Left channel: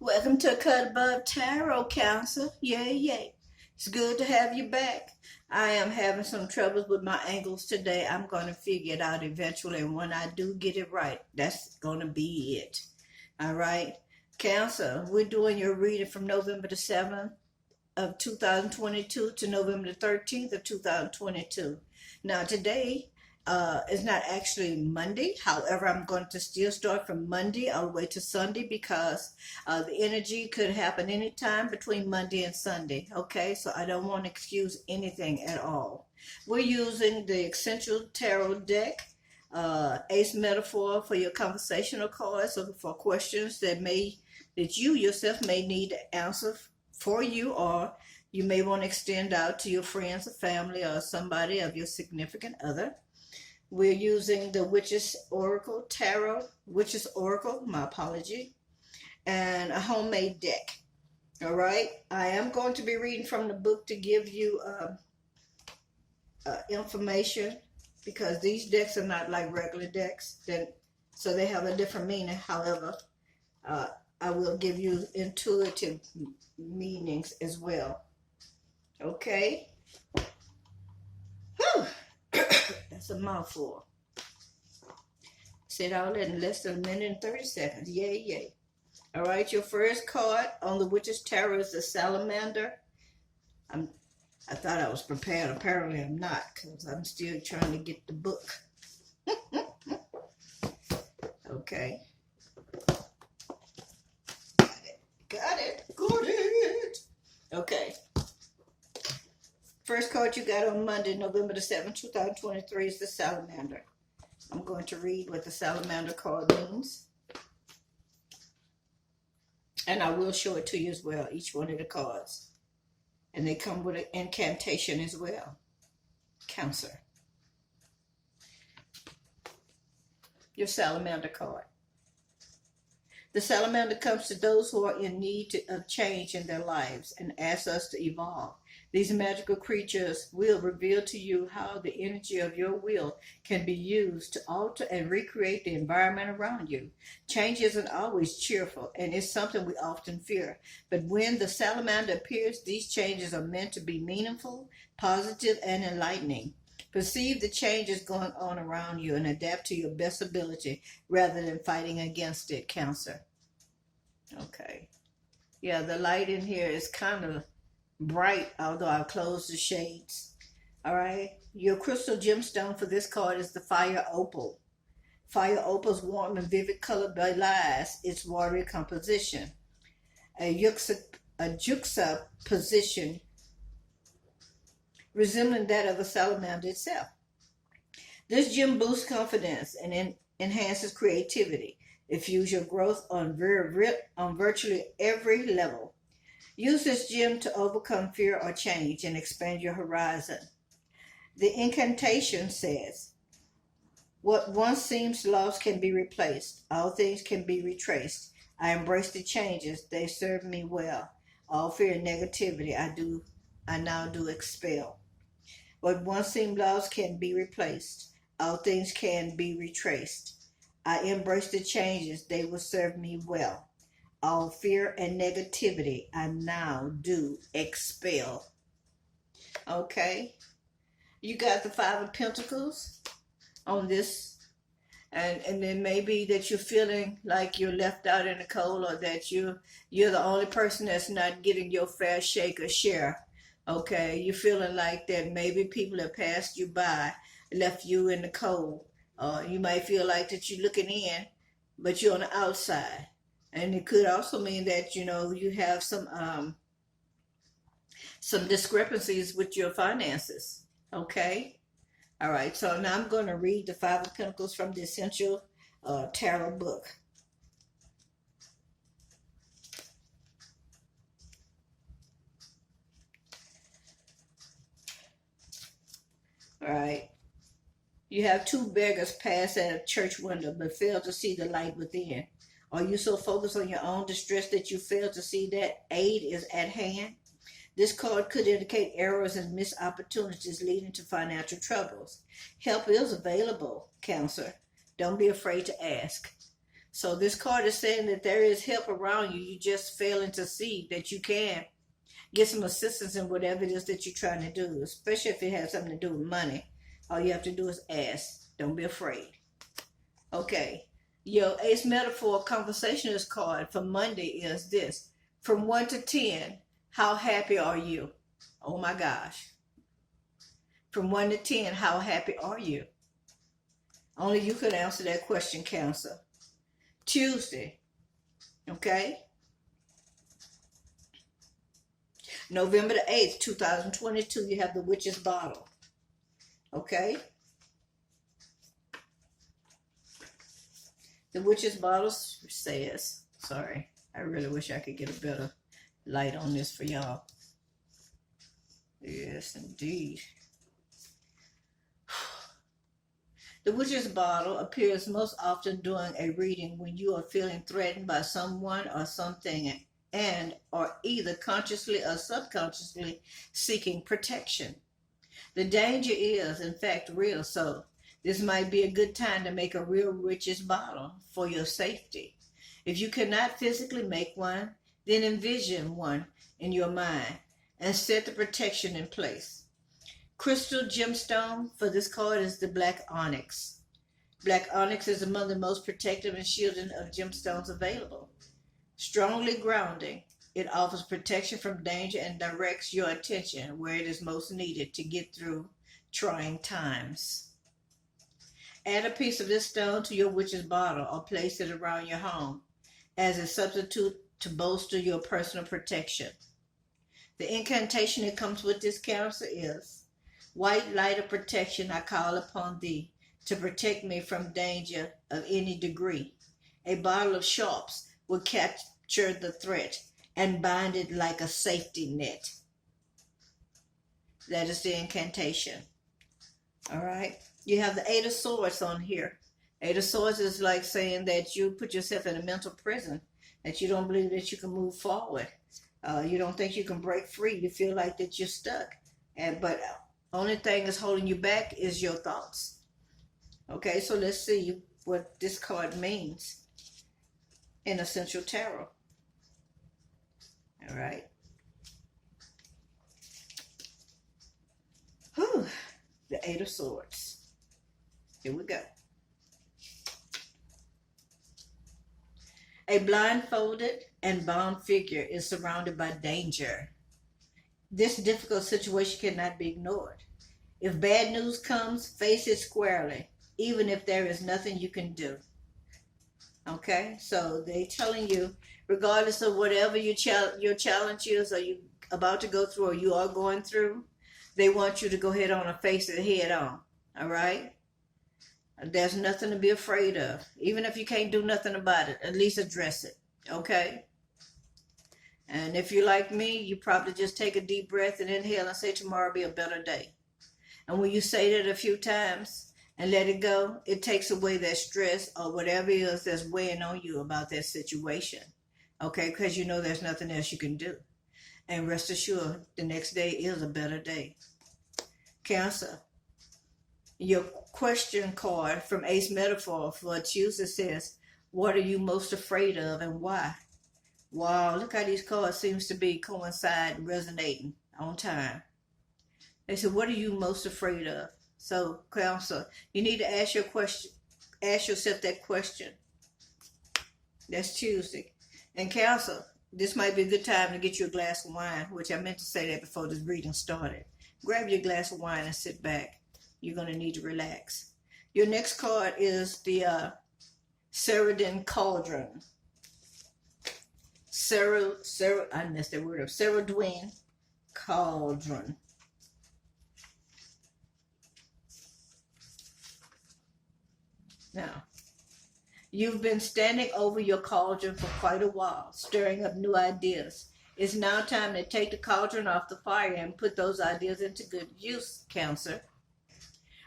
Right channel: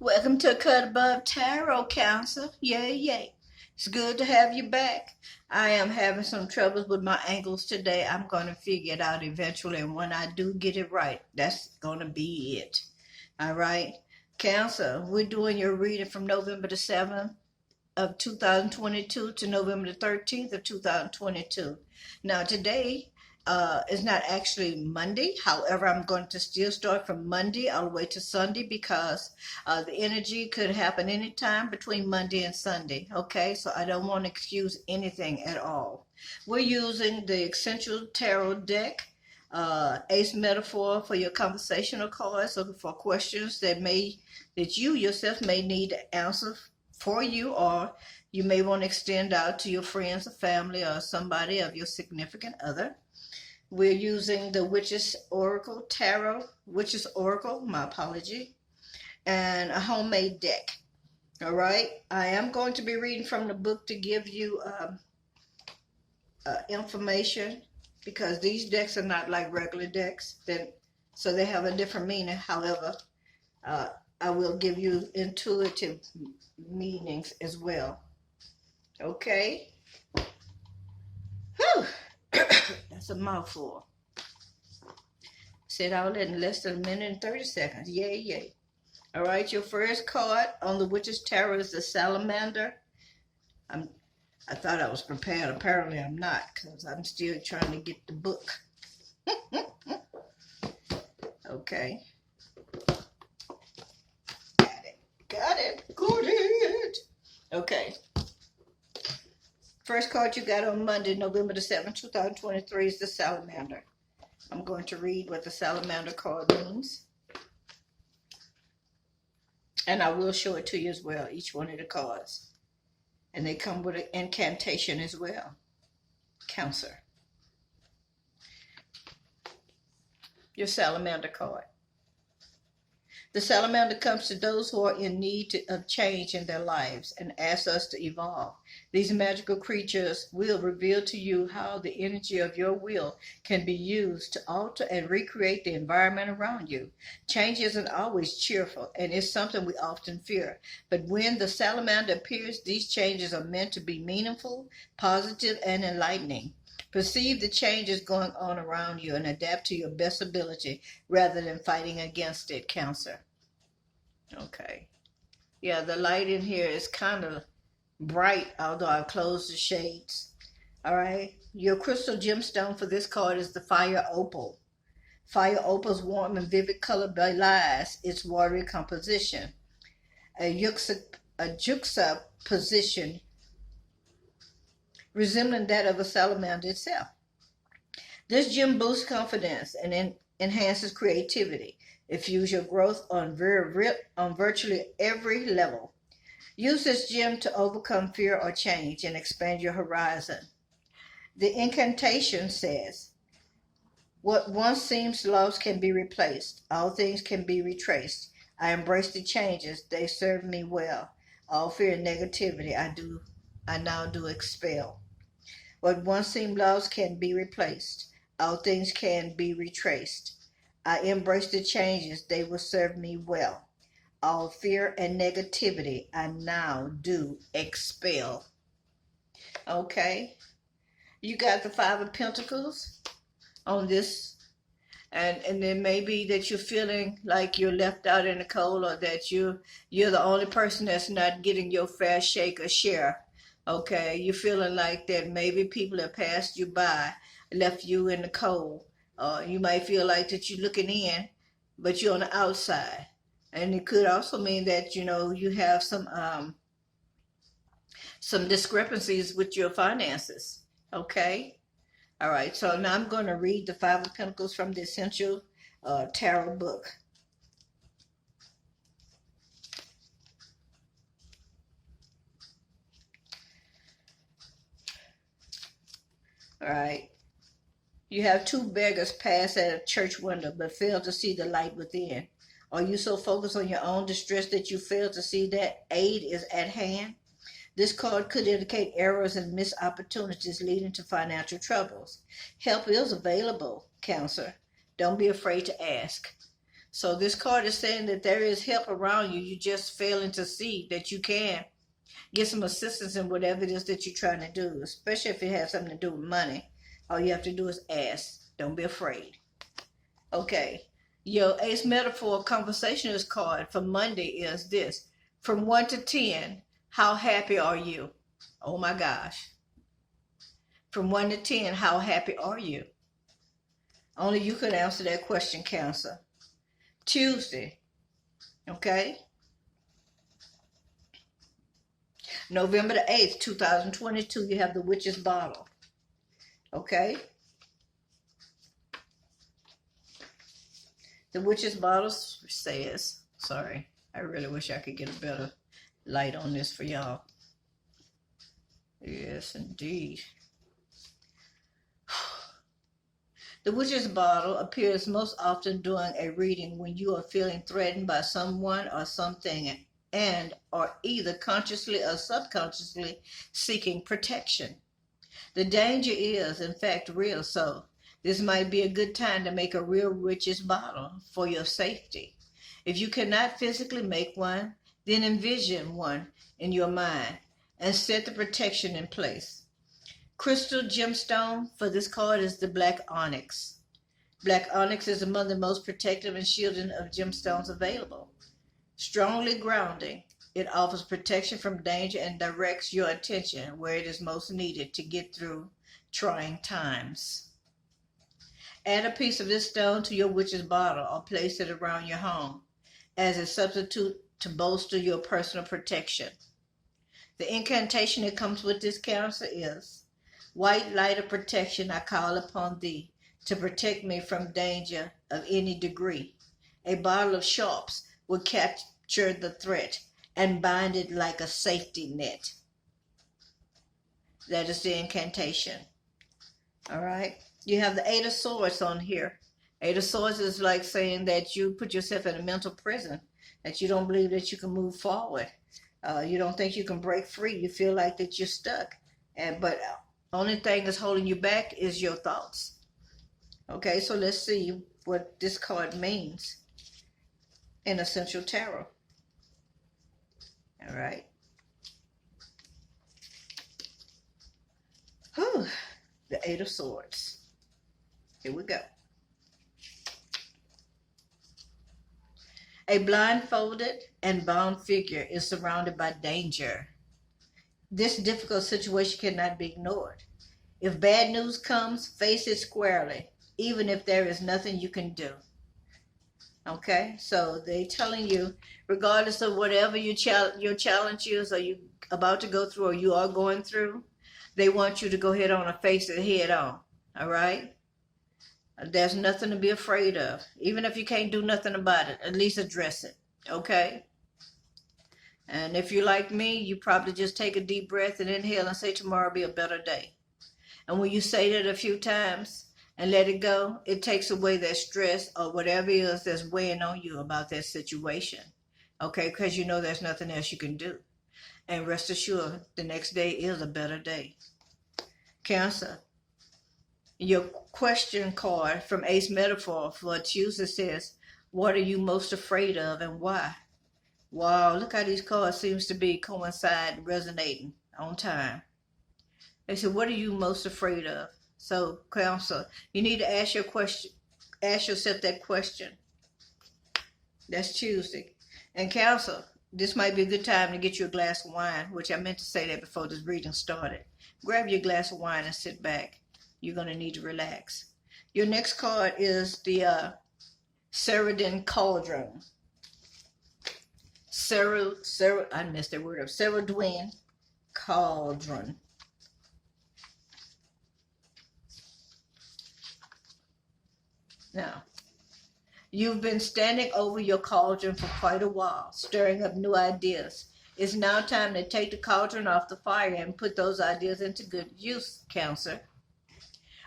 Welcome to Cut Above Tarot Council. Yay, yay. It's good to have you back. I am having some troubles with my angles today. I'm going to figure it out eventually, and when I do get it right, that's going to be it. All right. Cancer, we're doing your reading from November the 7th of 2022 to November the 13th of 2022. Now, today is not actually Monday. However, I'm going to still start from Monday all the way to Sunday because the energy could happen anytime between Monday and Sunday. Okay, so I don't want to excuse anything at all. We're using the Essential Tarot deck. Ace metaphor for your conversational cards, looking for questions that you yourself may need to answer for you, or you may want to extend out to your friends or family or somebody of your significant other. We're using the Witch's Oracle Tarot, Witch's Oracle, my apology, and a homemade deck. All right, I am going to be reading from the book to give you information because these decks are not like regular decks, so they have a different meaning. However, I will give you intuitive meanings as well. Okay? Whew. That's a mouthful. Said all that in less than a minute and 30 seconds. Yay, yay. All right, your first card on the Witch's Tarot is the Salamander. I thought I was prepared. Apparently I'm not, because I'm still trying to get the book. Okay. Got it. Okay. First card you got on Monday, November the 7th, 2023 is the Salamander. I'm going to read what the Salamander card means. And I will show it to you as well, each one of the cards. And they come with an incantation as well. Cancer. Your Salamander card. The Salamander comes to those who are in need of change in their lives and asks us to evolve. These magical creatures will reveal to you how the energy of your will can be used to alter and recreate the environment around you. Change isn't always cheerful, and it's something we often fear. But when the salamander appears, these changes are meant to be meaningful, positive, and enlightening. Perceive the changes going on around you and adapt to your best ability rather than fighting against it, Cancer. Okay. Yeah, the light in here is kind of bright, although I closed the shades. All right. Your crystal gemstone for this card is the Fire Opal. Fire Opal's warm and vivid color belies its watery composition. A juxtaposition resembling that of a salamander itself. This gem boosts confidence and enhances creativity. It fuels your growth on virtually every level. Use this gem to overcome fear or change and expand your horizon. The incantation says, what once seems lost can be replaced. All things can be retraced. I embrace the changes. They serve me well. All fear and negativity I now do expel. What once seemed lost can be replaced. All things can be retraced. I embrace the changes. They will serve me well. All fear and negativity I now do expel. Okay. You got the Five of Pentacles on this. And then maybe that you're feeling like you're left out in the cold, or that you're the only person that's not getting your fair shake or share. Okay. You're feeling like that maybe people have passed you by, left you in the cold. You might feel like that you're looking in, but you're on the outside. And it could also mean that, you have some discrepancies with your finances. Okay? All right. So now I'm going to read the Five of Pentacles from the Essential Tarot book. All right. You have two beggars pass at a church window but fail to see the light within. Are you so focused on your own distress that you fail to see that aid is at hand? This card could indicate errors and missed opportunities leading to financial troubles. Help is available, Cancer. Don't be afraid to ask. So this card is saying that there is help around you. You just failing to see that you can get some assistance in whatever it is that you're trying to do, especially if it has something to do with money. All you have to do is ask. Don't be afraid. Okay. Your Ace Metaphor Conversationalist card for Monday is this. From 1 to 10, how happy are you? Oh my gosh. From 1 to 10, how happy are you? Only you can answer that question, Cancer. Tuesday. Okay. November the 8th, 2022, you have the Witch's Bottle. Okay? The Witch's Bottle says, sorry, I really wish I could get a better light on this for y'all. Yes, indeed. The Witch's Bottle appears most often during a reading when you are feeling threatened by someone or something and are either consciously or subconsciously seeking protection. The danger is, in fact, real, so this might be a good time to make a real witch's bottle for your safety. If you cannot physically make one, then envision one in your mind and set the protection in place. Crystal gemstone for this card is the black onyx. Black onyx is among the most protective and shielding of gemstones available. Strongly grounding, it offers protection from danger and directs your attention where it is most needed to get through trying times. Add a piece of this stone to your witch's bottle or place it around your home as a substitute to bolster your personal protection. The incantation that comes with this Cancer is, White light of protection, I call upon thee to protect me from danger of any degree. A bottle of sharps will capture the threat and bind it like a safety net. That is the incantation. All right. You have the Eight of Swords on here. Eight of Swords is like saying that you put yourself in a mental prison, that you don't believe that you can move forward. You don't think you can break free. You feel like that you're stuck. But only thing that's holding you back is your thoughts. Okay, so let's see what this card means in Essential Tarot. All right. Whew. The Eight of Swords. Here we go. A blindfolded and bound figure is surrounded by danger. This difficult situation cannot be ignored. If bad news comes, face it squarely, even if there is nothing you can do. Okay, so they're telling you, regardless of whatever your challenge is, or you about to go through, or you are going through, they want you to go ahead on and face it head on. All right? There's nothing to be afraid of. Even if you can't do nothing about it, at least address it. Okay? And if you're like me, you probably just take a deep breath and inhale and say, tomorrow will be a better day. And when you say that a few times and let it go, it takes away that stress or whatever it is that's weighing on you about that situation. Okay? Because you know there's nothing else you can do. And rest assured, the next day is a better day. Cancer. Your question card from Ace Metaphor for Tuesday says, what are you most afraid of and why? Wow, look how these cards seems to be coinciding, resonating on time. They said, what are you most afraid of? So, Cancer, you need to ask yourself that question. That's Tuesday. And Cancer, this might be a good time to get you a glass of wine, which I meant to say that before this reading started. Grab your glass of wine and sit back. You're going to need to relax. Your next card is the Cerulean Cauldron. I messed that word up. Cerulean Cauldron. Now, you've been standing over your cauldron for quite a while, stirring up new ideas. It's now time to take the cauldron off the fire and put those ideas into good use, Cancer.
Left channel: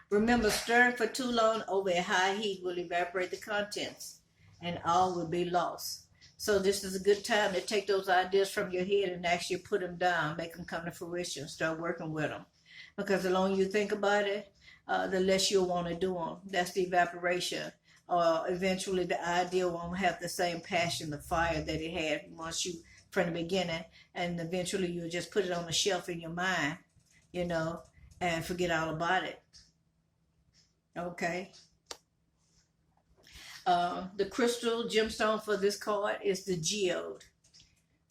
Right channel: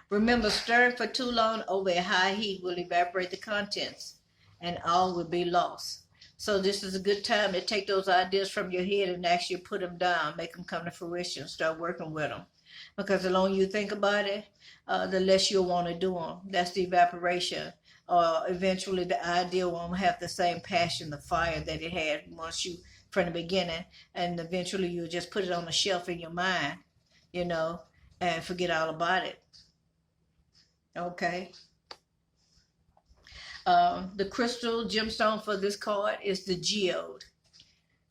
Remember, stirring for too long over a high heat will evaporate the contents, and all will be lost. So this is a good time to take those ideas from your head and actually put them down, make them come to fruition, start working with them. Because the longer you think about it, the less you'll want to do them. That's the evaporation eventually the idea won't have the same passion, the fire that it had once you from the beginning, and eventually you'll just put it on the shelf in your mind, you know, and forget all about it. Okay. The crystal gemstone for this card is the geode.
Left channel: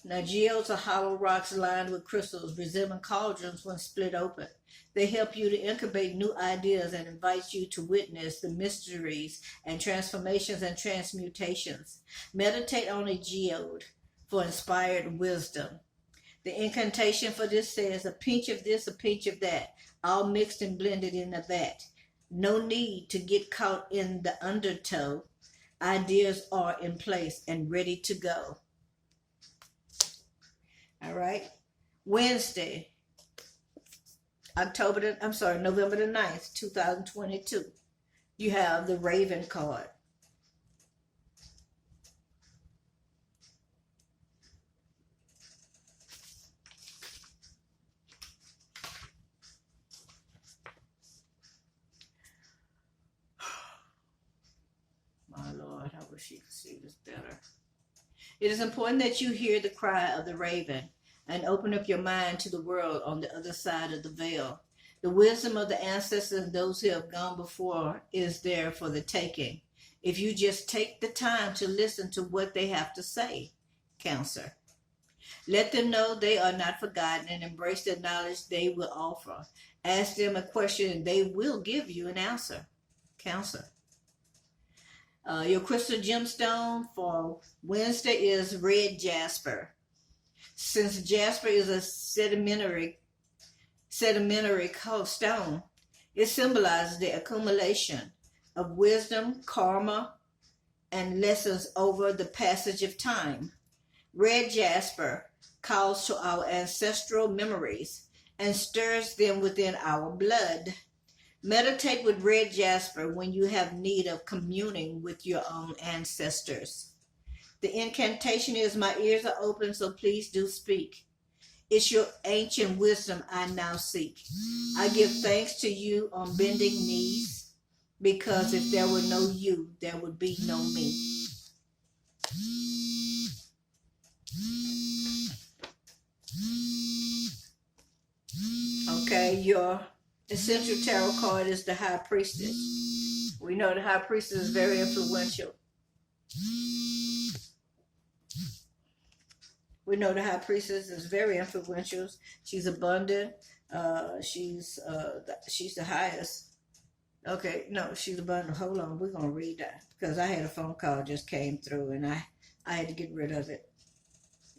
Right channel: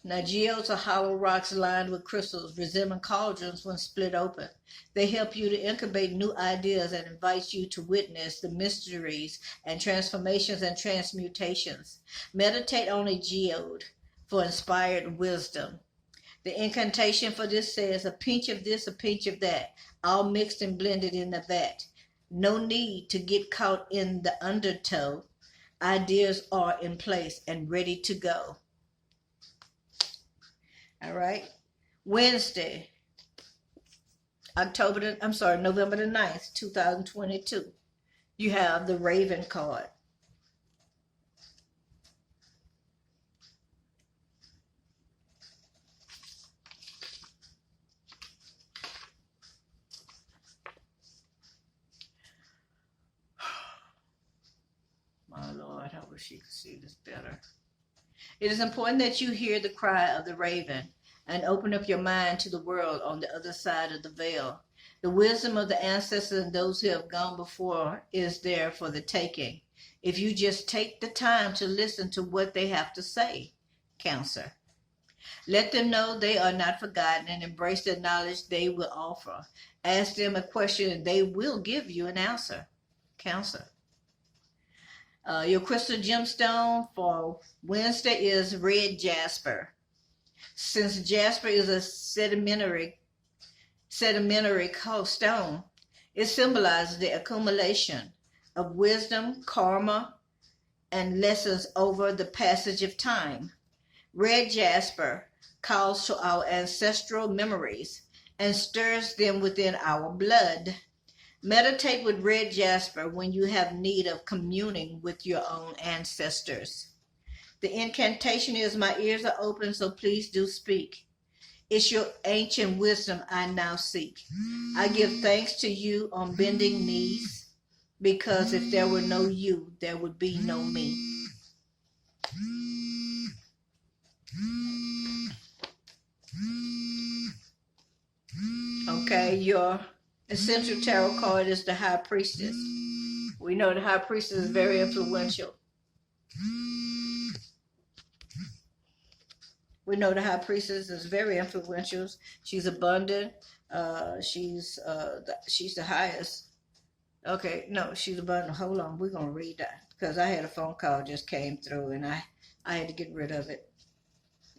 Now, geodes are hollow rocks lined with crystals, resembling cauldrons when split open. They help you to incubate new ideas and invite you to witness the mysteries and transformations and transmutations. Meditate on a geode for inspired wisdom. The incantation for this says, a pinch of this, a pinch of that, all mixed and blended in the vat. No need to get caught in the undertow. Ideas are in place and ready to go. All right. Wednesday, November the 9th, 2022. You have the Raven card. My Lord, I wish you could see this better. It is important that you hear the cry of the raven and open up your mind to the world on the other side of the veil. The wisdom of the ancestors and those who have gone before is there for the taking. If you just take the time to listen to what they have to say, Cancer. Let them know they are not forgotten and embrace the knowledge they will offer. Ask them a question and they will give you an answer, Cancer. Your crystal gemstone for Wednesday is red jasper. Since jasper is a sedimentary stone, it symbolizes the accumulation of wisdom, karma, and lessons over the passage of time. Red jasper calls to our ancestral memories and stirs them within our blood. Meditate with red jasper when you have need of communing with your own ancestors. The incantation is, my ears are open, so please do speak. It's your ancient wisdom I now seek. I give thanks to you on bending knees, because if there were no you, there would be no me. Okay, your essential tarot card is the High Priestess. We know the High Priestess is very influential. We know the High Priestess is very influential. She's abundant. She's the highest. Okay, no, she's abundant. Hold on, we're gonna read that because I had a phone call just came through and I had to get rid of it.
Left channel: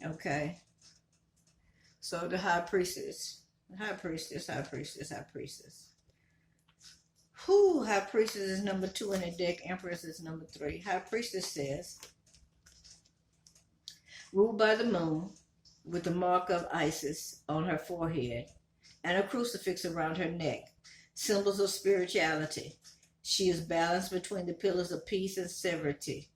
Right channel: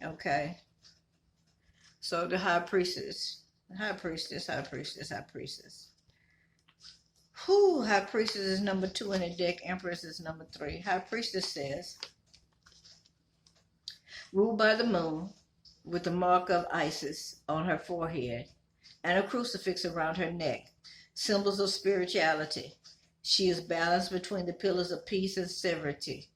Okay. So the High Priestess. High Priestess. Who? High Priestess is number 2 in the deck. Empress is number 3. High Priestess says, ruled by the moon, with the mark of Isis on her forehead and a crucifix around her neck, symbols of spirituality. She is balanced between the pillars of peace and severity.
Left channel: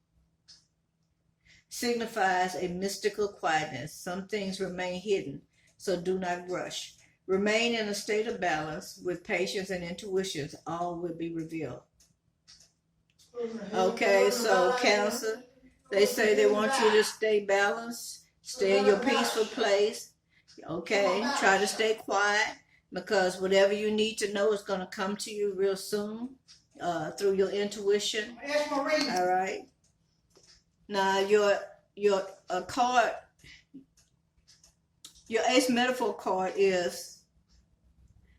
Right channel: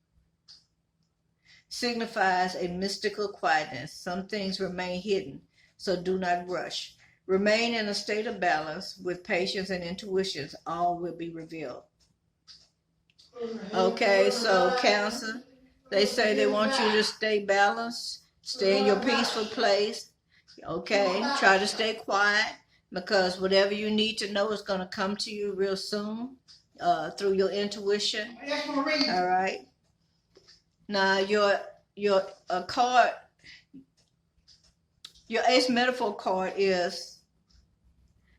Signifies a mystical quietness. Some things remain hidden, so do not rush. Remain in a state of balance with patience and intuitions. All will be revealed. Okay, so Cancer, they say they want you to stay balanced, stay in your peaceful place. Okay, try to stay quiet because whatever you need to know is going to come to you real soon through your intuition. All right. Now your card, your Ace Metaphor card is,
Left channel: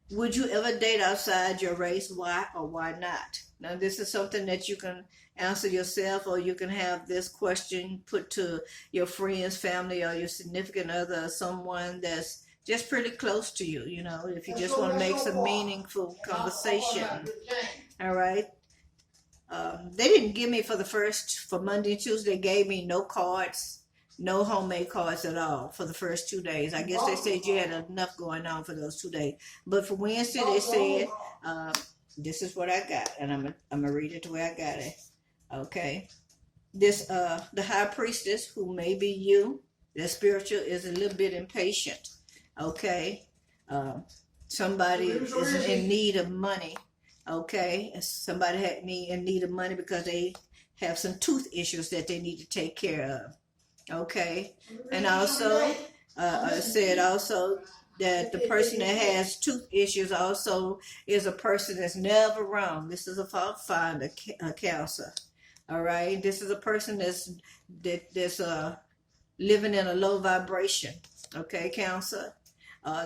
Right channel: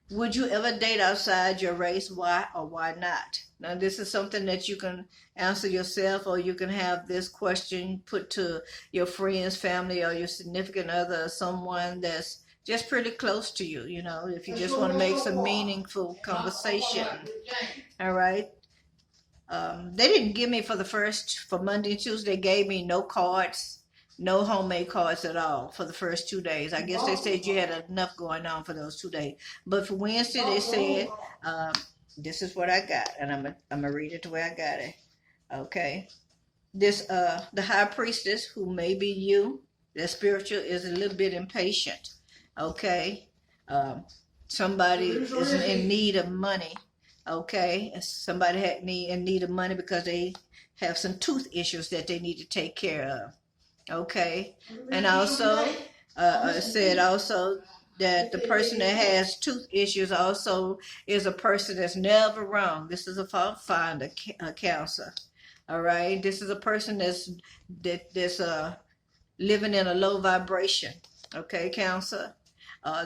would you ever date outside your race? Why or why not? Now, this is something that you can answer yourself, or you can have this question put to your friends, family, or your significant other, or someone that's just pretty close to you, you know, if you just want to make some meaningful conversation. All right. They didn't give me for Monday and Tuesday, they gave me no cards. No homemade cards at all for the first 2 days. I guess they said you had enough going on for those 2 days. But for Wednesday, they said, this is what I got. And I'm gonna read it the way I got it. Okay. The High Priestess, who may be you, the spiritual, is a little bit impatient. Okay. Somebody is in need of money. Okay. Somebody in need of money because they have some tooth issues that they need to take care of. Okay, and also said also that the person that has tooth issues also is a person that's never wrong. This is a fault finder, a counselor. All right, this is a person that's living in a low vibration. Okay, counselor.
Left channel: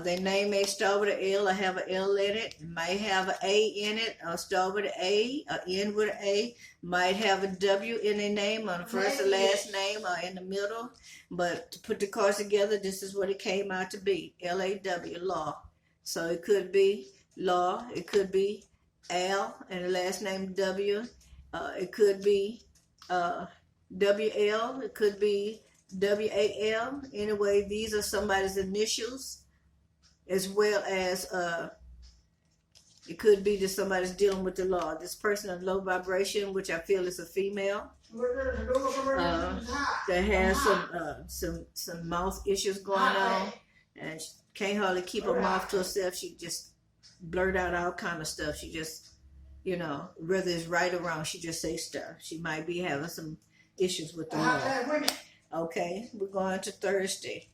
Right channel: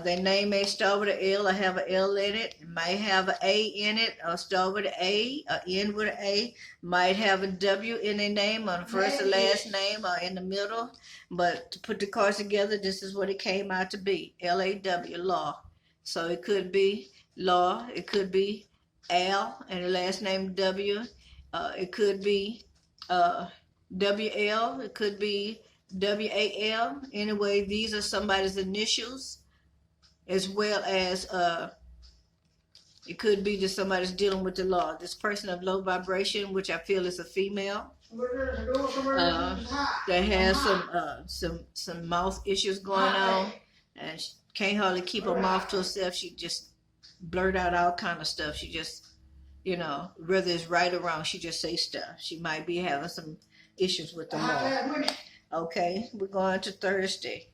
Their name may start with an L or have an L in it. Might have an A in it, or start with an A, or end with an A. Might have a W in their name on the first or last name, or in the middle. But to put the cards together, this is what it came out to be. L-A-W, law. So it could be law. It could be Al, and the last name W. It could be W-L. It could be W-A-L. Anyway, these are somebody's initials, as well as it could be that somebody's dealing with the law. This person of low vibration, which I feel is a female, that has some mouth issues going on, and she can't hardly keep her mouth to herself. She just blurt out all kind of stuff. She just, whether it's right or wrong, she just say stuff. She might be having some issues with the law. Okay, we're going to Thursday.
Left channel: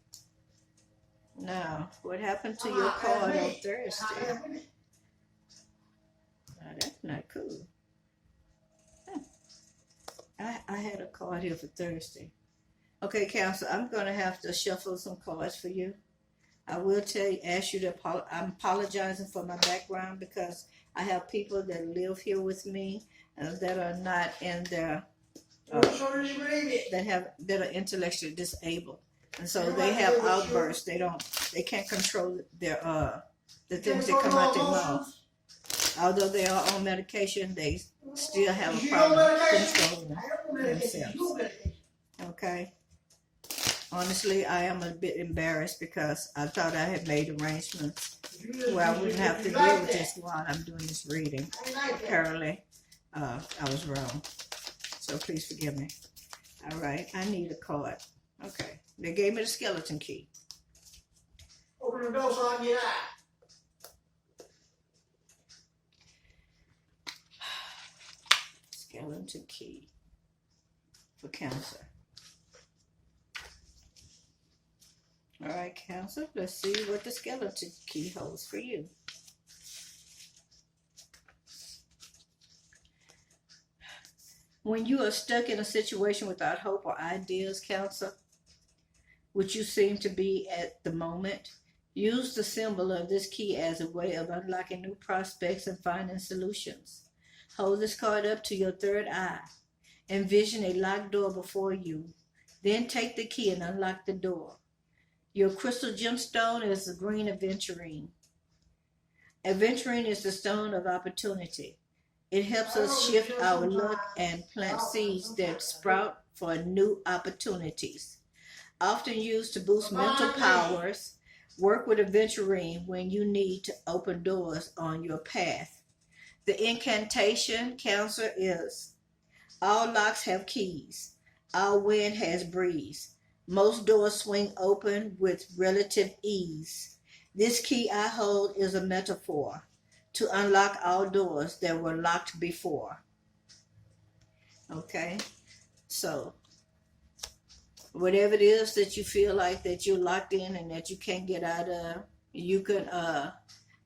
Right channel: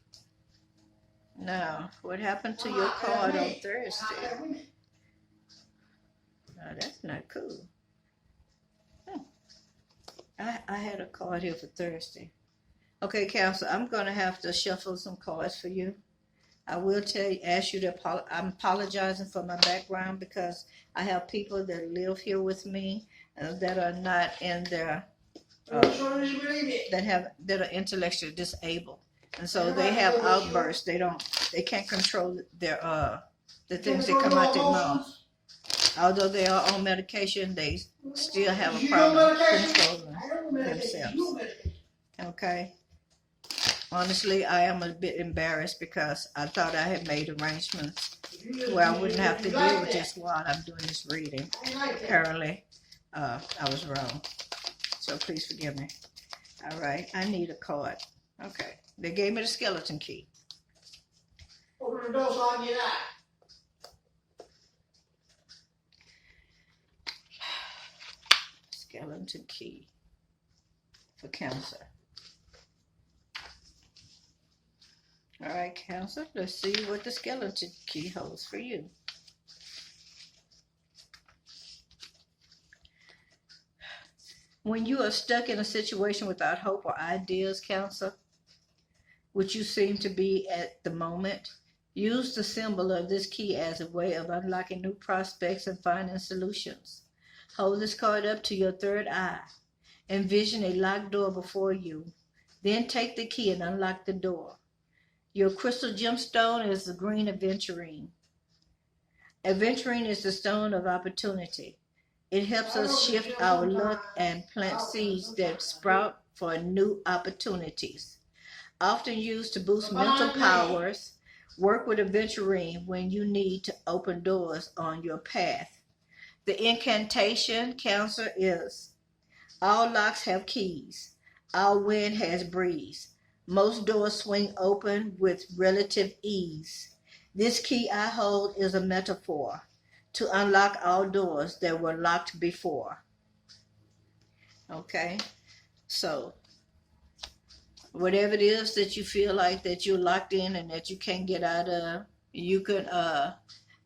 Now, what happened to your card on Thursday? Now, that's not cool. I had a card here for Thursday. Okay, counselor, I'm going to have to shuffle some cards for you. I will ask you to I'm apologizing for my background, because I have people that live here with me that are not in their, that are intellectually disabled. And so they have outbursts. They can't control their the things that come out their mouth. Although they are on medication, they still have a problem controlling themselves. Okay. Honestly, I am a bit embarrassed, because I thought I had made arrangements where I wouldn't have to deal with this while I'm doing this reading. Apparently, I was wrong. So please forgive me. All right, I need a card. Okay. They gave me the skeleton key. Open the door so I can get out. Skeleton key for Cancer. All right, Cancer, let's see what the skeleton key holds for you. When you are stuck in a situation without hope or ideas, Cancer, which you seem to be at the moment, use the symbol of this key as a way of unlocking new prospects and finding solutions. Hold this card up to your third eye. Envision a locked door before you. Then take the key and unlock the door. Your crystal gemstone is the green aventurine. Aventurine is the stone of opportunity. It helps us shift our luck and plant seeds that sprout for new opportunities. Often used to boost mental powers, work with aventurine when you need to open doors on your path. The incantation, Cancer, is: all locks have keys. All wind has breeze. Most doors swing open with relative ease. This key I hold is a metaphor to unlock all doors that were locked before. Okay, so whatever it is that you feel like that you're locked in and that you can't get out of, you can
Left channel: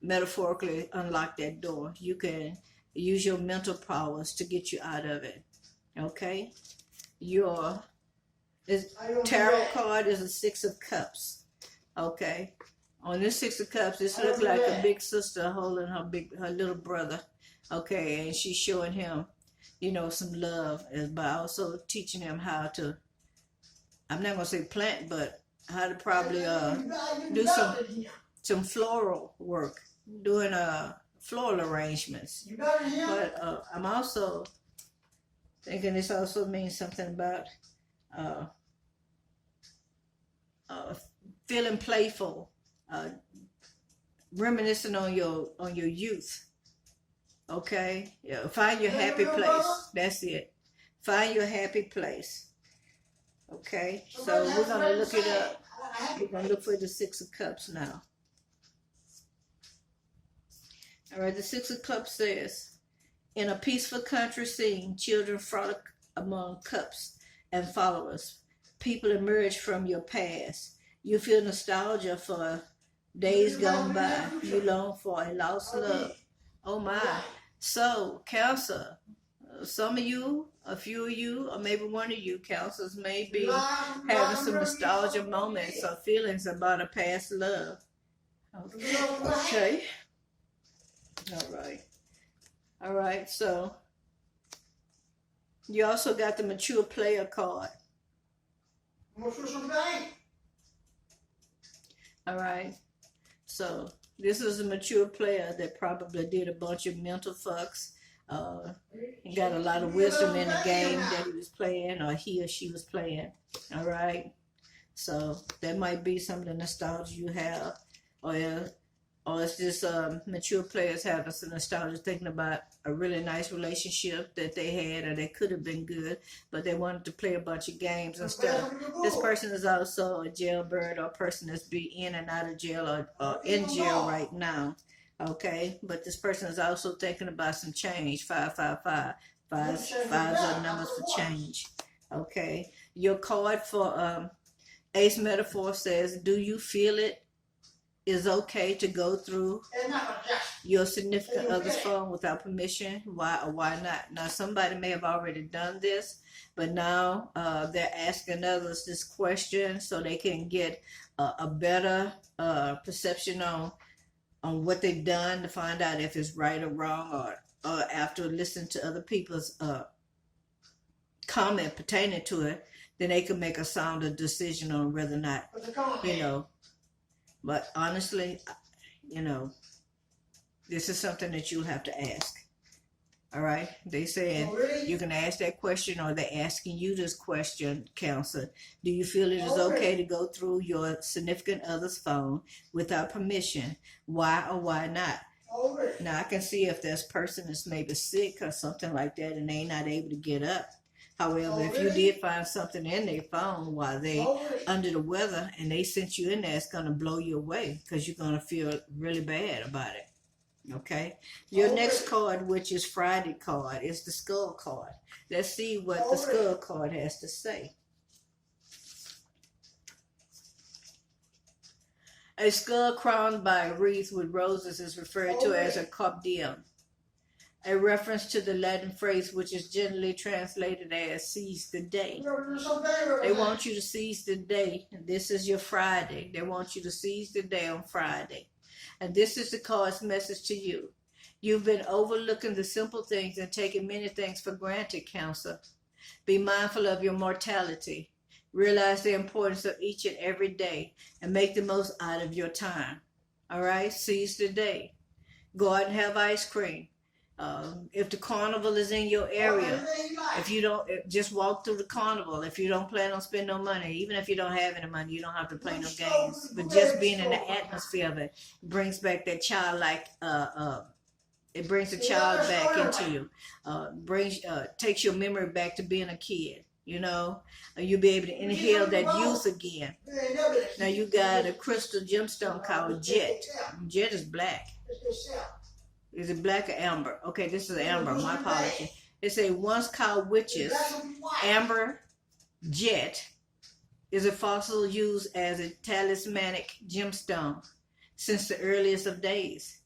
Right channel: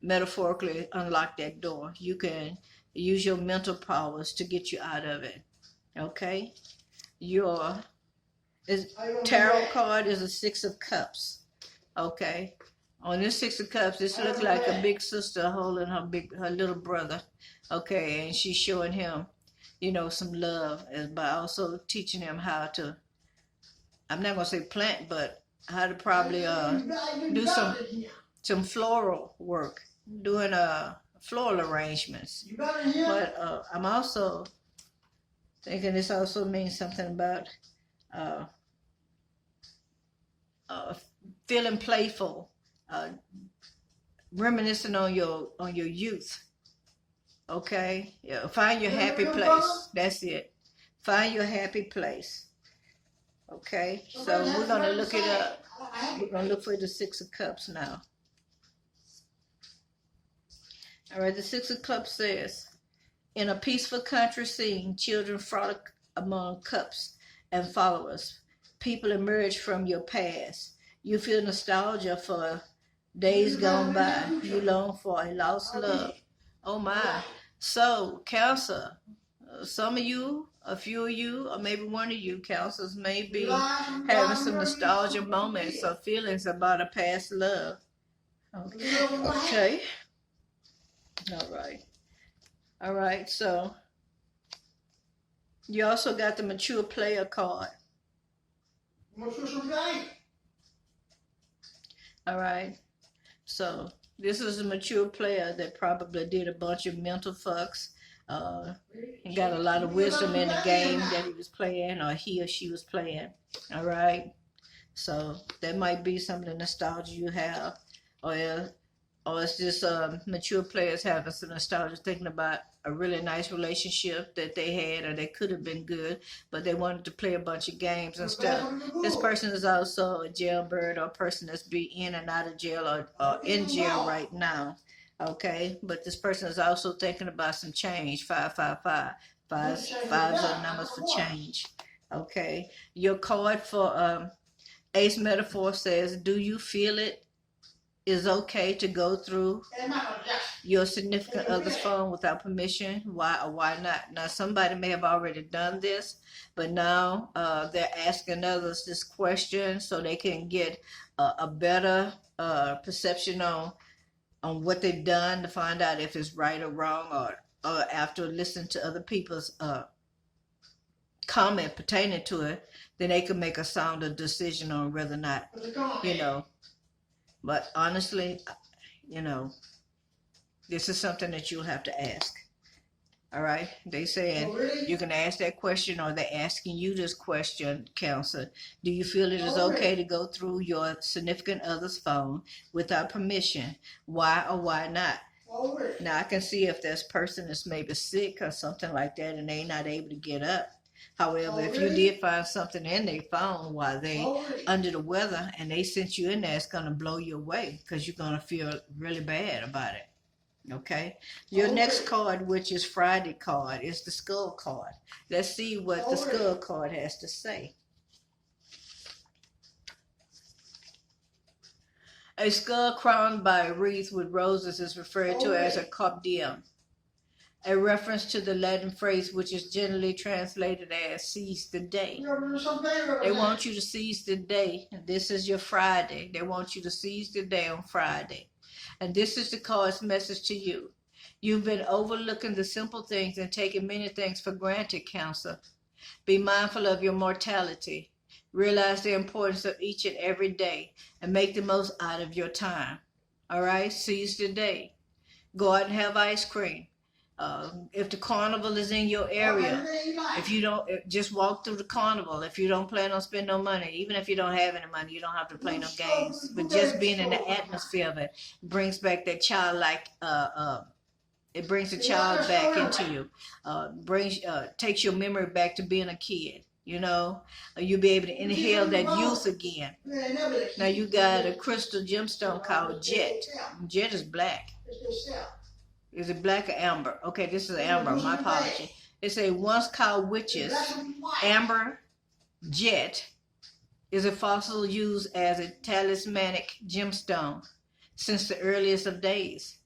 metaphorically unlock that door. You can use your mental powers to get you out of it. Okay, your tarot card is a Six of Cups. Okay, on this Six of Cups, this looks like a big sister holding her little brother. Okay, and she's showing him, some love, by also teaching him how to, I'm not gonna say plant, but how to probably do some floral work, doing floral arrangements. But I'm also thinking this also means something about feeling playful, reminiscing on your youth. Okay, yeah. Find your happy place. That's it. Find your happy place. Okay, so we're gonna look it up. We're gonna look for the Six of Cups now. All right, the Six of Cups says, in a peaceful country scene, children frolic among cups and followers. People emerge from your past. You feel nostalgia for days gone by. You long for a lost love. Oh my. So, Cancer, some of you, a few of you, or maybe one of you Cancers may be having some nostalgia moments or feelings about a past love. Okay. All right. All right. So, you also got the mature player card. All right. So this is a mature player that probably did a bunch of mental fucks. He got a lot of wisdom in the game that he was playing, or he or she was playing. All right. So that might be some of the nostalgia you have, or it's just mature players having some nostalgia, thinking about a really nice relationship that they had or that could have been good, but they wanted to play a bunch of games and stuff. This person is also a jailbird or a person that's be in and out of jail or in jail right now. Okay, but this person is also thinking about some change. 555. Fives are numbers for change. Okay, your card for Ace Metaphor says, do you feel it is okay to go through your significant other's phone without permission? Why or why not? Now, somebody may have already done this, but now they're asking others this question so they can get a better perception on what they've done, to find out if it's right or wrong, or after listening to other people's comment pertaining to it, then they can make a sounder decision on whether or not, you know. But honestly, you know, this is something that you'll have to ask. All right? They said you can ask that question, or they're asking you this question, Counselor. Do you feel it is okay to go through your significant other's phone without permission? Why or why not? Now, I can see if this person is maybe sick or something like that and they're not able to get up. However, if you did find something in their phone while they under the weather and they sent you in there, it's going to blow you away because you're going to feel really bad about it. Okay? Your next card, which is Friday card, is the Skull card. Let's see what the Skull card has to say. A skull crowned by a wreath with roses is referred to as a carpe diem, a reference to the Latin phrase which is generally translated as seize the day. They want you to seize the day. This is your Friday. They want you to seize the day on Friday. And this is the card's message to you. You've been overlooking the simple things and taking many things for granted, Cancer. Be mindful of your mortality. Realize the importance of each and every day and make the most out of your time. All right? Seize the day. Go out and have ice cream. If the carnival is in your area, if you don't, just walk through the carnival. If you don't plan on spending no money, even if you don't have any money, you don't have to play no games. But just being in the atmosphere of it brings back that childlike, it brings the child back into you. Takes your memory back to being a kid. You know, you'll be able to inhale that youth again. Now you got a crystal gemstone called Jet. Jet is black. Is it black or amber? Okay, this is amber. My apology. It's a once called witches. Amber jet is a fossil used as a talismanic gemstone since the earliest of days.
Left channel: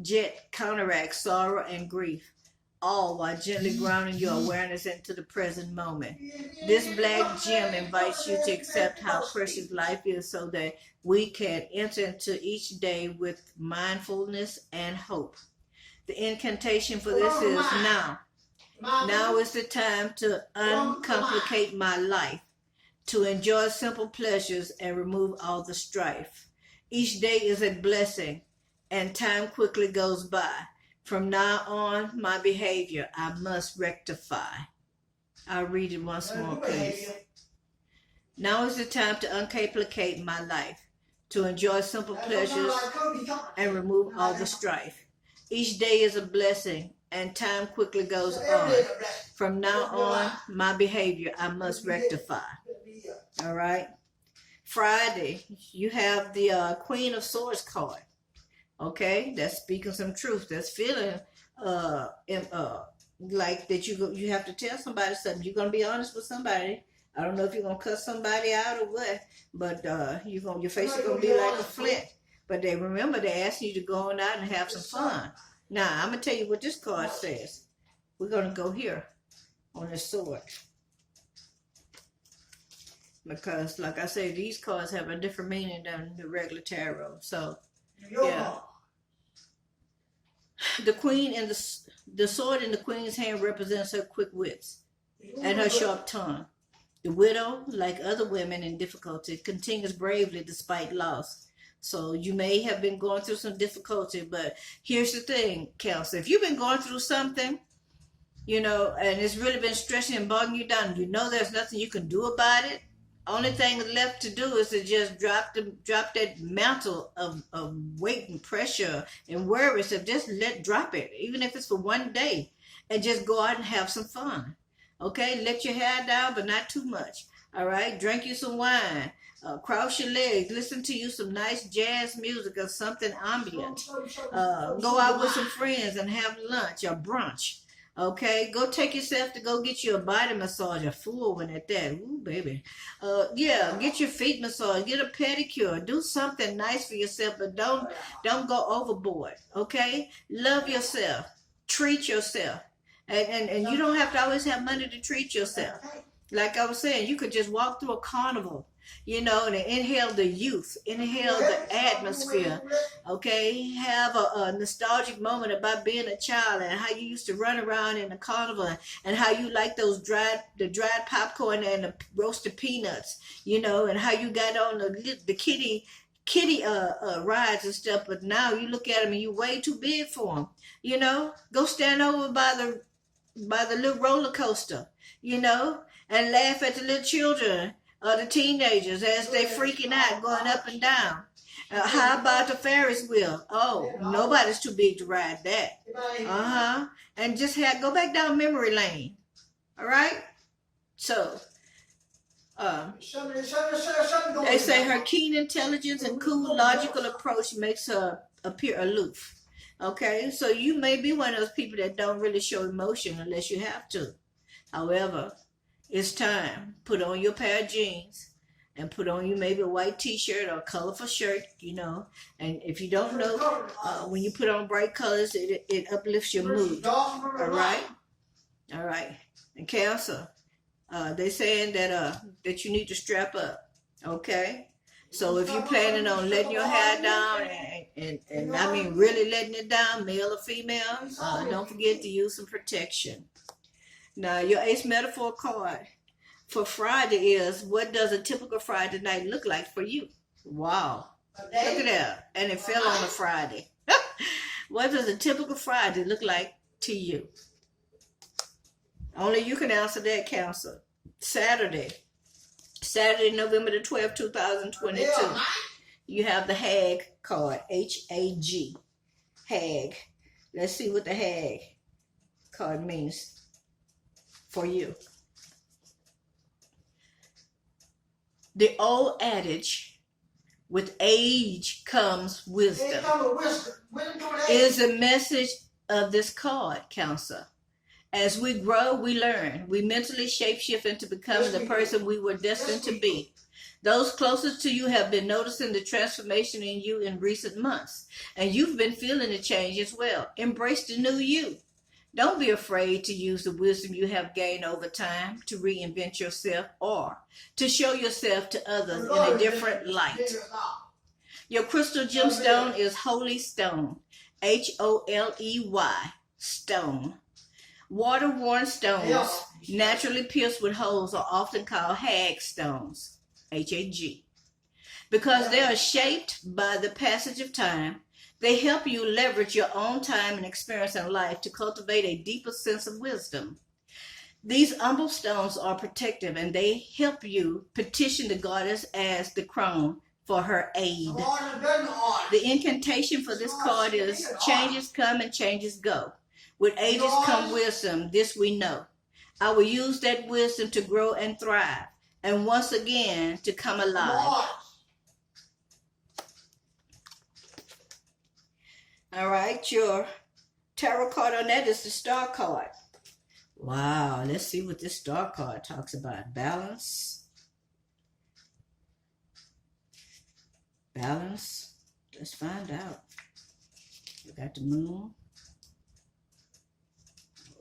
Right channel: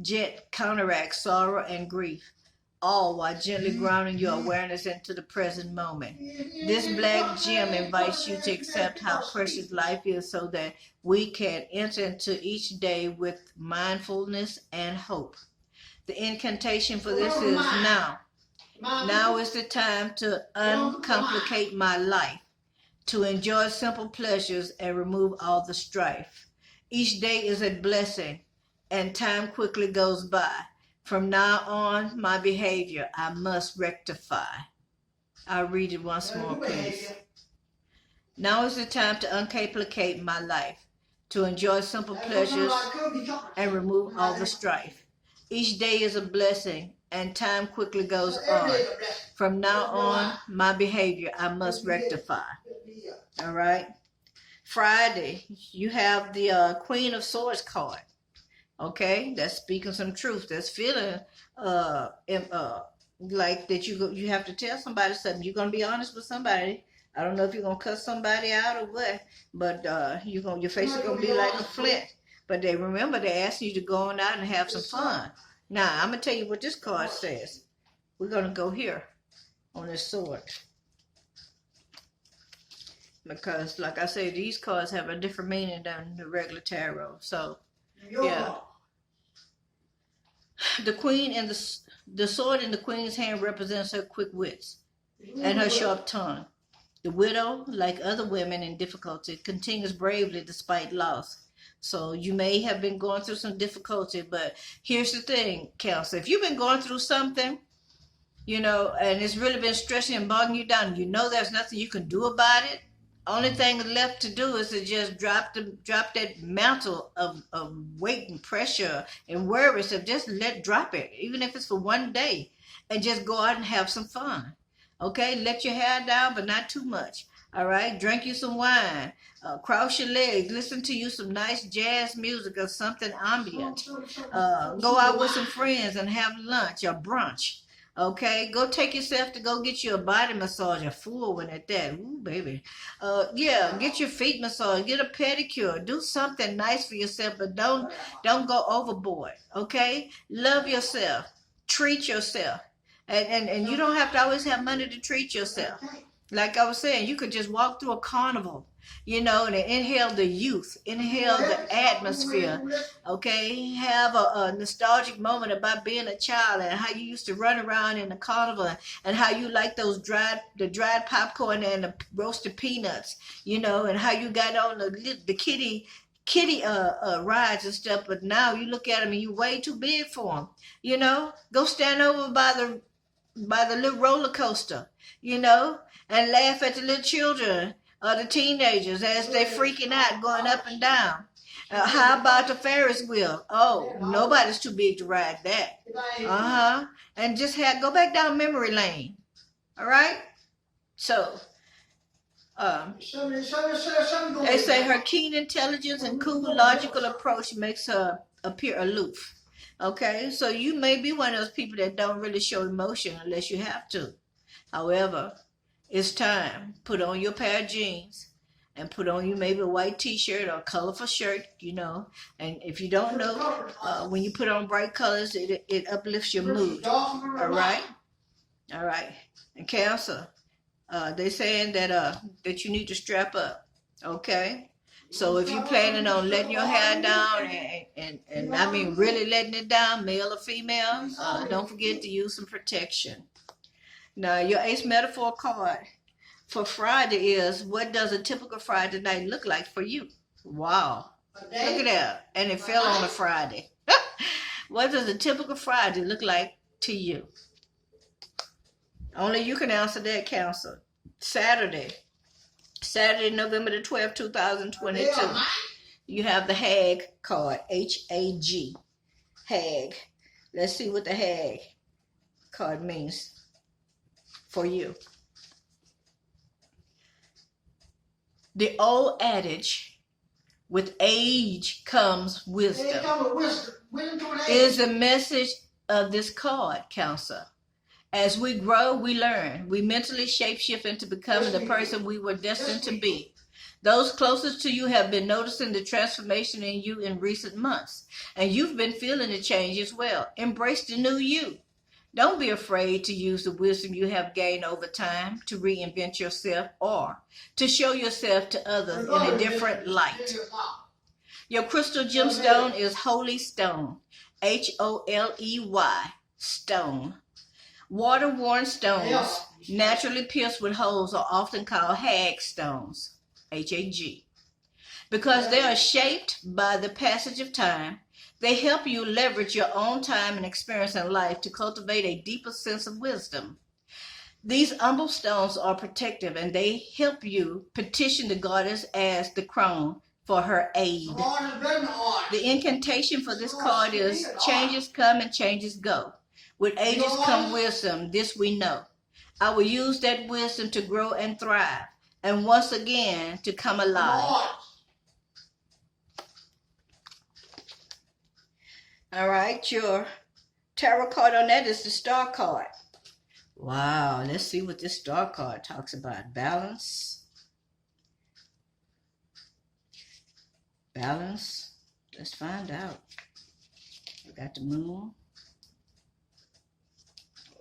Jet counteracts sorrow and grief, all while gently grounding your awareness into the present moment. This black gem invites you to accept how precious life is so that we can enter into each day with mindfulness and hope. The incantation for this is now. Now is the time to uncomplicate my life, to enjoy simple pleasures and remove all the strife. Each day is a blessing, and time quickly goes by. From now on, my behavior I must rectify. I'll read it once more, please. Now is the time to uncomplicate my life, to enjoy simple pleasures and remove all the strife. Each day is a blessing, and time quickly goes on. From now on, my behavior I must rectify. All right? Friday, you have the Queen of Swords card. Okay? That's speaking some truth. That's feeling like that you have to tell somebody something. You're gonna be honest with somebody. I don't know if you're gonna cut somebody out or what, but your face is gonna be like a flint. But they ask you to go on out and have some fun. Now I'm gonna tell you what this card says. We're gonna go here on this sword. Because like I say, these cards have a different meaning than the regular tarot. So yeah. The queen and the sword in the queen's hand represents her quick wits and her sharp tongue. The widow, like other women in difficulty, continues bravely despite loss. So you may have been going through some difficulty, but here's the thing, Counselor. If you've been going through something, and it's really been stressing and bogging you down, there's nothing you can do about it. Only thing left to do is to just drop that mantle of weight and pressure and worries, and just drop it, even if it's for one day, and just go out and have some fun. Okay, let your hair down, but not too much. All right, drink you some wine, cross your legs, listen to you some nice jazz music or something ambient. Go out with some friends and have lunch or brunch. Okay, go take yourself to go get you a body massage, a full one at that. Ooh, baby. Get your feet massaged, get a pedicure, do something nice for yourself, but don't go overboard. Okay, love yourself, treat yourself, and you don't have to always have money to treat yourself. Like I was saying, you could just walk through a carnival, and inhale the youth, inhale the atmosphere, okay? Have a nostalgic moment about being a child and how you used to run around in the carnival and how you like the dried popcorn and the roasted peanuts, and how you got on the kitty rides and stuff, but now you look at them and you're way too big for them, Go stand over by the little roller coaster, and laugh at the little children or the teenagers as they're freaking out, going up and down. How about the Ferris wheel? Oh, nobody's too big to ride that. And just go back down memory lane. All right? So, they say her keen intelligence and cool, logical approach makes her appear aloof. Okay? So you may be one of those people that don't really show emotion unless you have to. However, it's time. Put on your pair of jeans and put on you maybe a white t-shirt or a colorful shirt, And if you don't know, when you put on bright colors, it uplifts your mood. All right? All right. And Cancer, they saying that you need to strap up. Okay? So if you're planning on letting your hair down and I mean really letting it down, male or female, don't forget to use some protection. Now, your ace metaphor card for Friday is, what does a typical Friday night look like for you? Wow. Look at that. And it fell on a Friday. What does a typical Friday look like to you? Only you can answer that, Counselor. Saturday, November the 12th, 2022. You have the Hag card, H-A-G. Hag. Let's see what the Hag card means for you. The old adage, with age comes wisdom, is the message of this card, Counselor. As we grow, we learn. We mentally shapeshift into becoming the person we were destined to be. Those closest to you have been noticing the transformation in you in recent months, and you've been feeling the change as well. Embrace the new you. Don't be afraid to use the wisdom you have gained over time to reinvent yourself or to show yourself to others in a different light. Your crystal gemstone is Holy Stone, Holey, stone. Water-worn stones, naturally pierced with holes, are often called hag stones, H-A-G. Because they are shaped by the passage of time, they help you leverage your own time and experience in life to cultivate a deeper sense of wisdom. These humble stones are protective, and they help you petition the goddess as the crown for her aid. The incantation for this card is, changes come and changes go. With ages come wisdom, this we know. I will use that wisdom to grow and thrive, and once again to come alive. All right, your tarot card on that is the Star card. Wow, let's see what this star card talks about. Balance. Balance. Let's find out. We got the moon.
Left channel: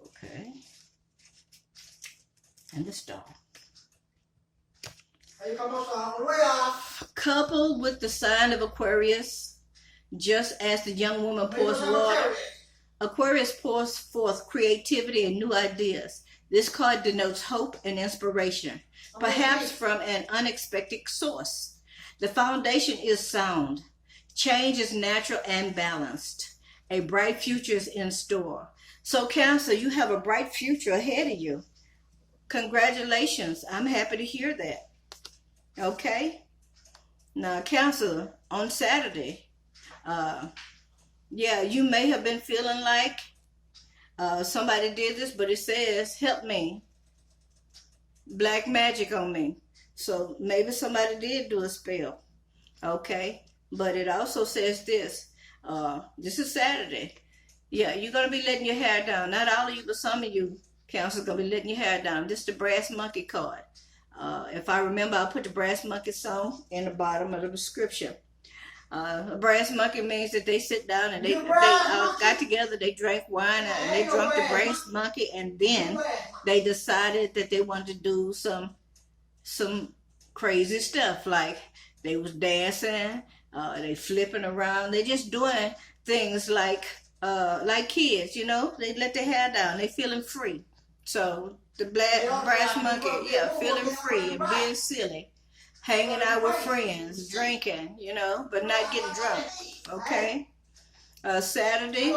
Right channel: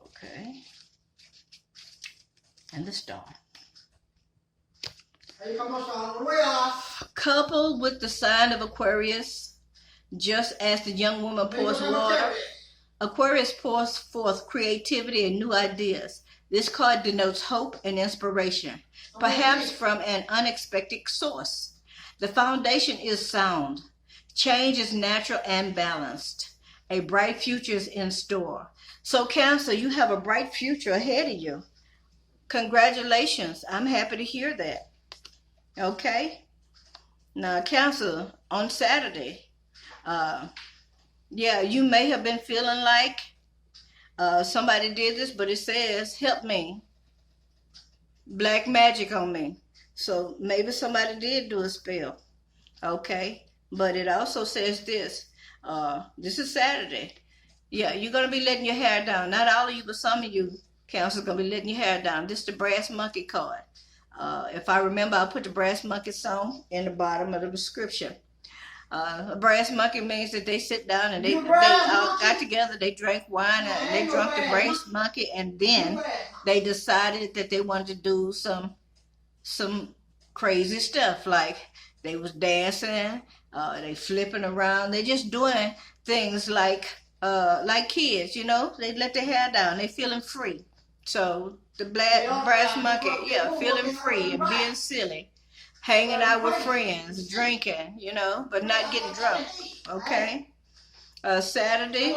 Okay. And the star. Coupled with the sign of Aquarius, just as the young woman pours water, Aquarius pours forth creativity and new ideas. This card denotes hope and inspiration, perhaps from an unexpected source. The foundation is sound. Change is natural and balanced. A bright future is in store. So, Cancer, you have a bright future ahead of you. Congratulations. I'm happy to hear that. Okay? Now, Cancer, on Saturday, yeah, you may have been feeling like somebody did this, but it says, help me, black magic on me. So maybe somebody did do a spell, okay? But it also says this, this is Saturday. Yeah, you're going to be letting your hair down. Not all of you, but some of you, Cancer, going to be letting your hair down. This is the brass monkey card. If I remember, I'll put the brass monkey song in the bottom of the description. A brass monkey means that they sit down and they got together, they drank wine, and they drank the brass monkey, and then they decided that they wanted to do some crazy stuff, like they was dancing, they flipping around, they just doing things like kids, you know, they let their hair down, they feeling free. So the brass monkey, yeah, feeling free and being silly. Hanging out with friends, drinking, you know, but not getting drunk, okay? Saturday,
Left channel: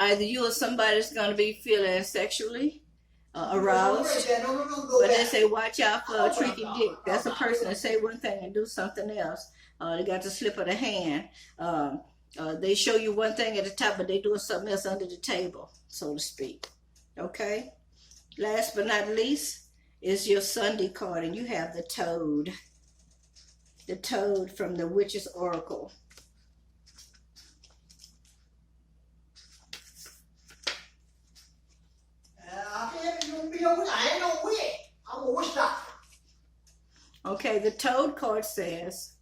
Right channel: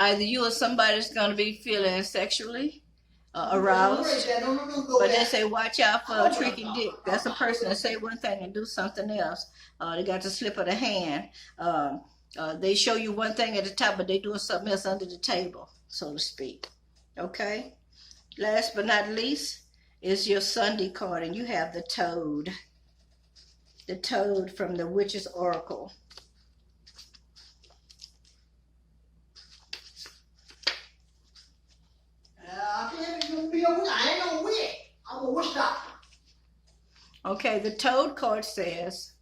either you or somebody's going to be feeling sexually aroused, but they say watch out for a tricky dick. That's a person that say one thing and do something else. They got the slip of the hand. They show you one thing at the top, but they doing something else under the table, so to speak, okay? Last but not least, is your Sunday card, and you have the toad from the Witch's Oracle. Okay, the toad card says,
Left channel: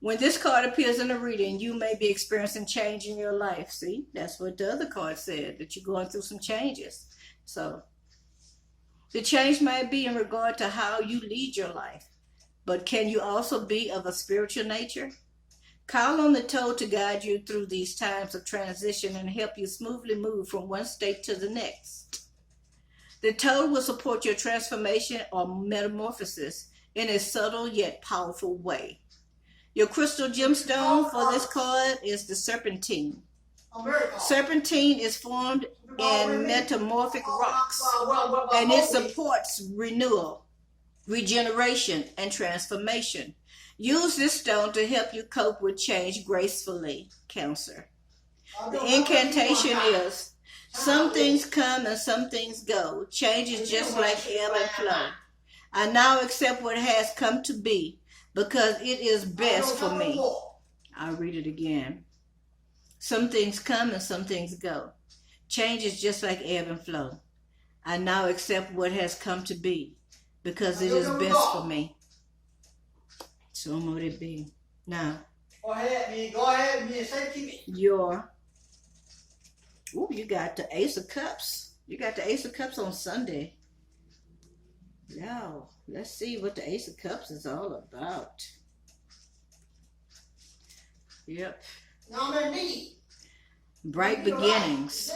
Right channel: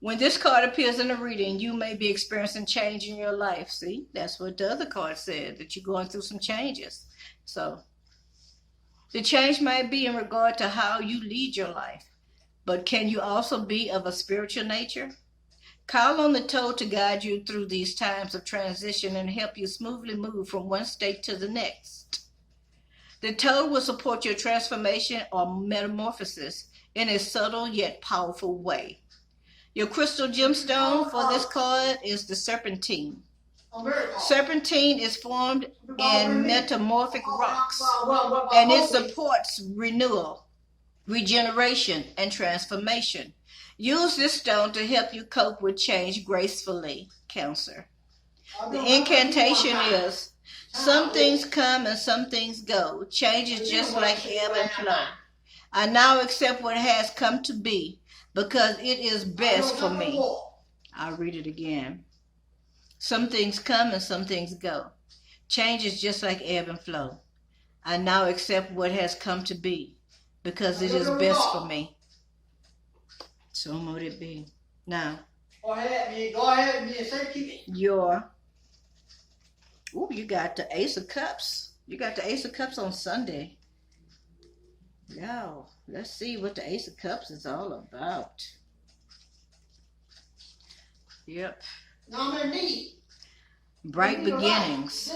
when this card appears in the reading, you may be experiencing change in your life. See, that's what the other card said, that you're going through some changes. So the change might be in regard to how you lead your life, but can you also be of a spiritual nature? Call on the toad to guide you through these times of transition and help you smoothly move from one state to the next. The toad will support your transformation or metamorphosis in a subtle yet powerful way. Your crystal gemstone for this card is the serpentine. Serpentine is formed in metamorphic rocks, and it supports renewal, regeneration, and transformation. Use this stone to help you cope with change gracefully, Cancer. The incantation is, some things come and some things go. Change is just like ebb and flow. I now accept what has come to be because it is best for me. I'll read it again. Some things come and some things go. Change is just like ebb and flow. I now accept what has come to be because it is best for me. So would it be. Now, go ahead, me. Say keep it. You got the Ace of Cups. You got the Ace of Cups on Sunday. Yo, let's see what the Ace of Cups is all about. Yep. Bright beginnings.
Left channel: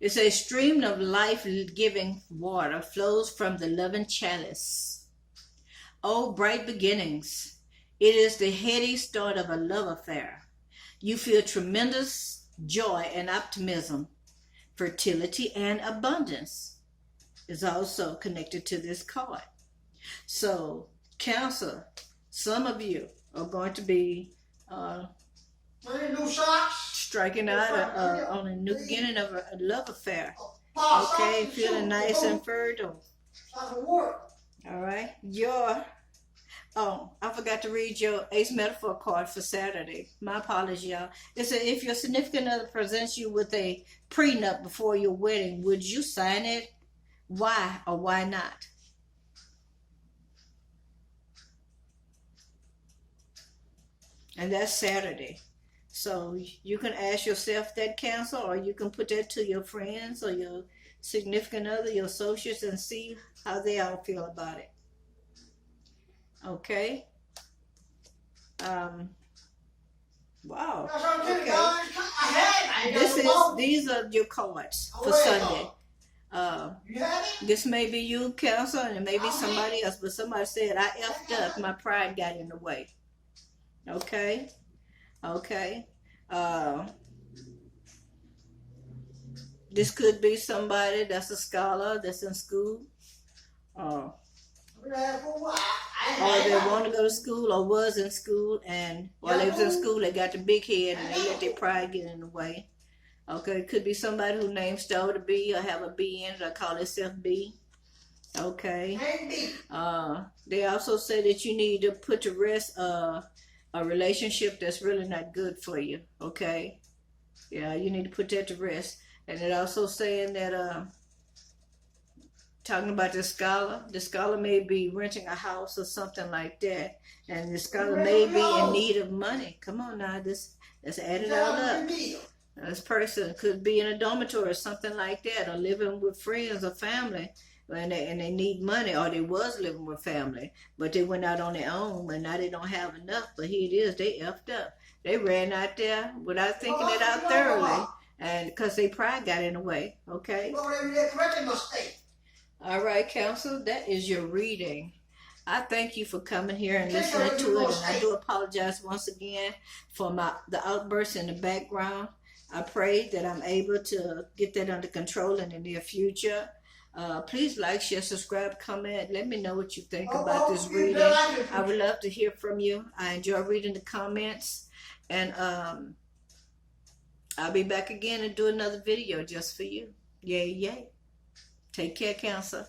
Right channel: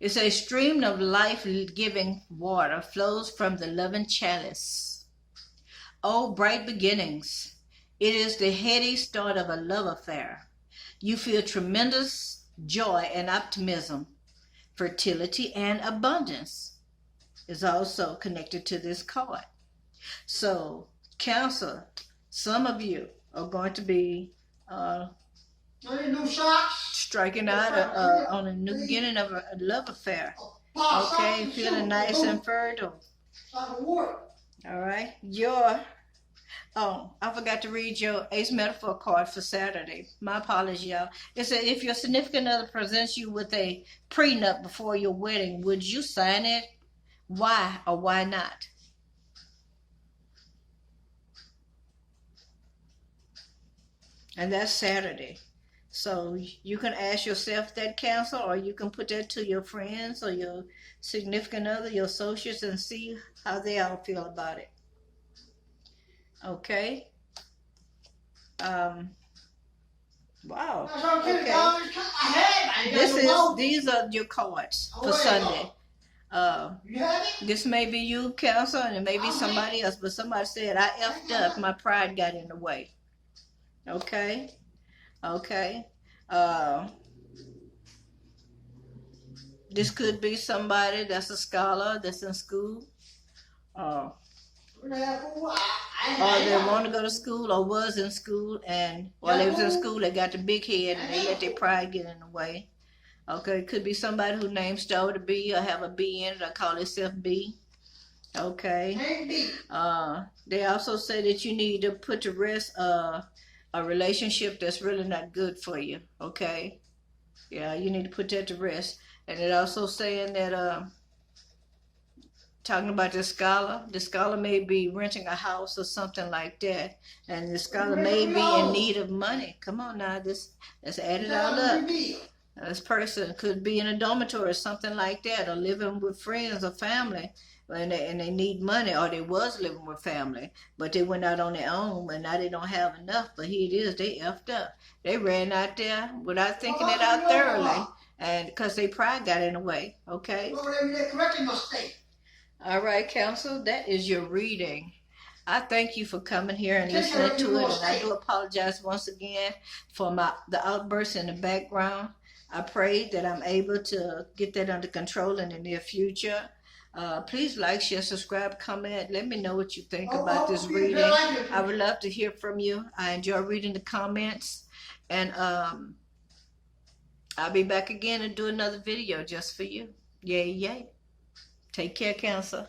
It's a stream of life-giving water flows from the loving chalice. Oh, bright beginnings. It is the heady start of a love affair. You feel tremendous joy and optimism. Fertility and abundance is also connected to this card. So, Cancer, some of you are going to be striking out on a new beginning of a love affair. Okay, feeling nice and fertile. All right, your Oh, I forgot to read your Ace Metaphor card for Saturday. My apologies, y'all. It said if your significant other presents you with a prenup before your wedding, would you sign it? Why or why not? And that's Saturday. So you can ask yourself that, counsel, or you can put that to your friends or your significant other, your associates, and see how they all feel about it. Okay. Um, wow. Okay. These are your cards for Sunday. This may be you, counsel, and it may be somebody else, but somebody said I effed up. My pride got in the way. Okay. Okay. Uh, this could be somebody that's a scholar that's in school. Or they want to go to school or was in school, and while they was in school they got the big head and they let their pride get in the way. Okay, it could be somebody who named start with a B or have a B in it or call themselves B. Okay. They also say that you need to put to rest a relationship that's really not good for you. Okay. Yeah, you need to put that to rest. And it also saying that talking about the scholar may be renting a house or something like that, and the scholar may be in need of money. Come on now, let's add it all up. This person could be in a dormitory or something like that, or living with friends or family, and they need money, or they was living with family, but they went out on their own, but now they don't have enough. But here it is, they effed up. They ran out there without thinking it out thoroughly, and because their pride got in the way. Okay. All right, counsel, that is your reading. I thank you for coming here and listening to it, and I do apologize once again for the outbursts in the background. I pray that I'm able to get that under control in the near future. Please like, share, subscribe, comment. Let me know what you think about this reading. I would love to hear from you. I enjoy reading the comments, and I'll be back again and do another video just for you. Yay, yay. Take care, Cancer.